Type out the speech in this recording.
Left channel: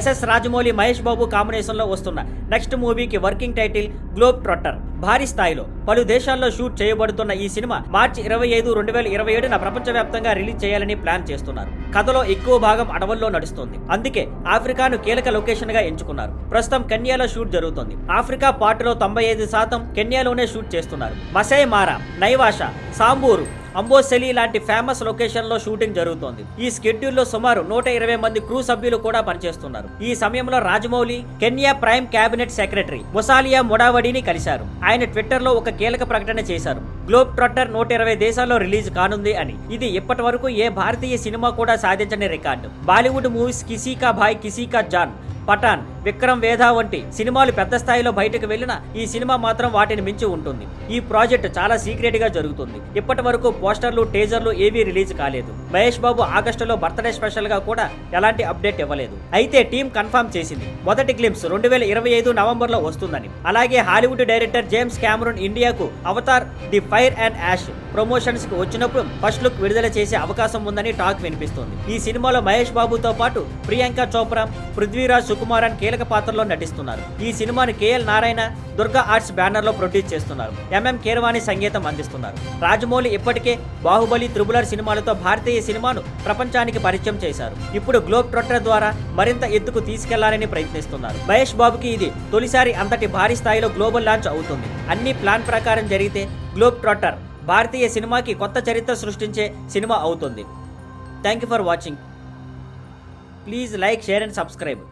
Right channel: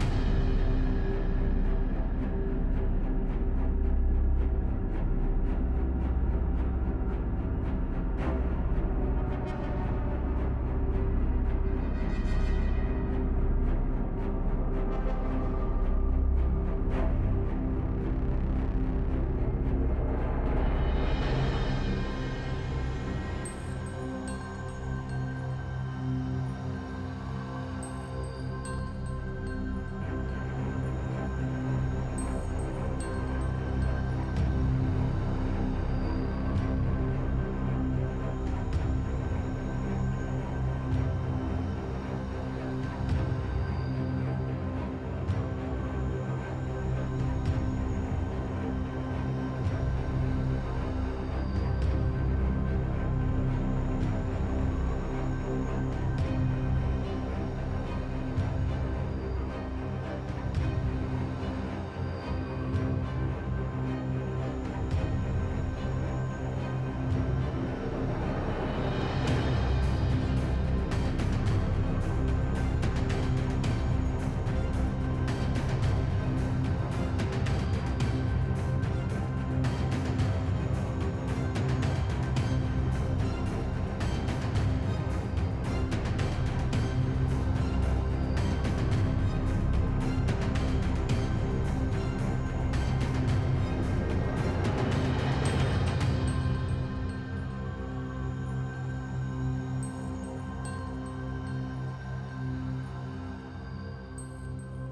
SS Rajamouli Mahesh Babu combination లో వస్తున్న next మూవీకి వర్కింగ్ టైటిల్ గ్లోబ్ ట్రాటర్. భారీ స్థాయిలో పలు దేశాల్లో షూట్ చేయబడుతున్న ఈ సినిమా మార్చి 25, 2027న ప్రపంచవ్యాప్తంగా రిలీజ్ చేయాలని ప్లాన్ చేస్తున్నారు. కథలో ఎక్కువ భాగం అడవుల్లో నడుస్తుంది. అందుకే ఆఫ్రికాను కీలక లొకేషన్ గా ఎంచుకున్నారు. ప్రస్తుతం కెన్యాలో షూట్ జరుగుతోంది. ఆఫ్రికా పార్టులో 95% కెన్యాలోనే షూట్ చేస్తున్నారు. మసై మారా, నైవాషా, సాంబూరు, అంబోసెలి లాంటి ఫేమస్ లొకేషన్ లో షూటింగ్ జరుగుతోంది. ఈ షెడ్యూల్లో సుమారు 120 మంది క్రూ సభ్యులు కూడా పనిచేస్తున్నారు. ఈ సమయంలో Rajamouli Kenya prime cabinet secretary Musalia మొడావడిని కలిశారు. ఆయన ట్విట్టర్ లో ఒక కీలక ప్రకటన చేశారు. గ్లోబ్ ట్రాటర్ 120 దేశాల్లో రిలీజ్ కానుంది అని. ఇది ఇప్పటి వరకు ఏ భారతీయ సినిమా కూడా సాధించని రికార్డు. బాలీవుడ్ మూవీస్ కిసీ కా భాయ్ కిసీ కా జాన్, పఠాన్, విక్రమ్ వేధా వంటి సినిమాలు పెద్ద స్థాయిలో బయటకు వెళ్లిన ఈ సినిమా మాత్రం వాటిని మించి ఉంటుంది. ఈ ప్రాజెక్ట్ చాలా సీక్రెట్ గా జరుగుతుంది. ఇప్పటి వరకు పోస్టర్లు, టేజర్లు ఏవీ రిలీజ్ కాలేదు. మహేష్ బాబు ఆగస్టులో బర్త్డే స్పెషల్ గా కూడా ఎలాంటి అప్డేట్ ఇవ్వలేదు. అయితే టీం కన్ఫర్మ్ చేసింది మొదటి గ్లింప్స్ 2025 నవంబర్ లో వస్తుందని. అలాగే హాలీవుడ్ డైరెక్టర్ జేమ్స్ కెమెరూన్ ఇండియాకు Avatar the Fire and Ash promotions కు వచ్చినప్పుడు ఫస్ట్ లుక్ విడుదల చేసే అవకాశం ఉందని టాక్ వినిపిస్తుంది. ఈ సినిమాలో మహేష్ బాబుతో పాటు ప్రియాంక చోప్రా, పృథ్వీరాజ్ సుకుమారన్ కీలక పాత్రలో నటిస్తున్నారు. ఈ సినిమాని KL Narayana Durga arts banner లో ప్రొడ్యూస్ చేస్తున్నారు. ఎంఎం కీరవాణి సంగీతం అందిస్తున్నారు. రాజమౌళి ఇప్పటికే బాహుబలి, త్రిబులర్ సినిమాలతో భారతీయ సినిమాను ప్రపంచానికి పరిచయం చేశారు. ఇప్పుడు గ్లోబ్ ట్రాటర్ ద్వారా మరింత ఎత్తుకు తీసుకెళ్లాలని ప్రయత్నిస్తున్నారు. మహేష్ బాబుకి ఇది తొలిసారి అంతటి భారీ స్థాయిలో గ్లోబల్ లాంచ్ అవుతుంది. అన్ని ప్లాన్ ప్రకారం జరిగితే గ్లోబ్ ట్రాటర్ భారతీయ సినిమాకి కొత్త చరిత్ర సృష్టించే సినిమా అవుతుంది. Thank you for watching. Please like, share and subscribe.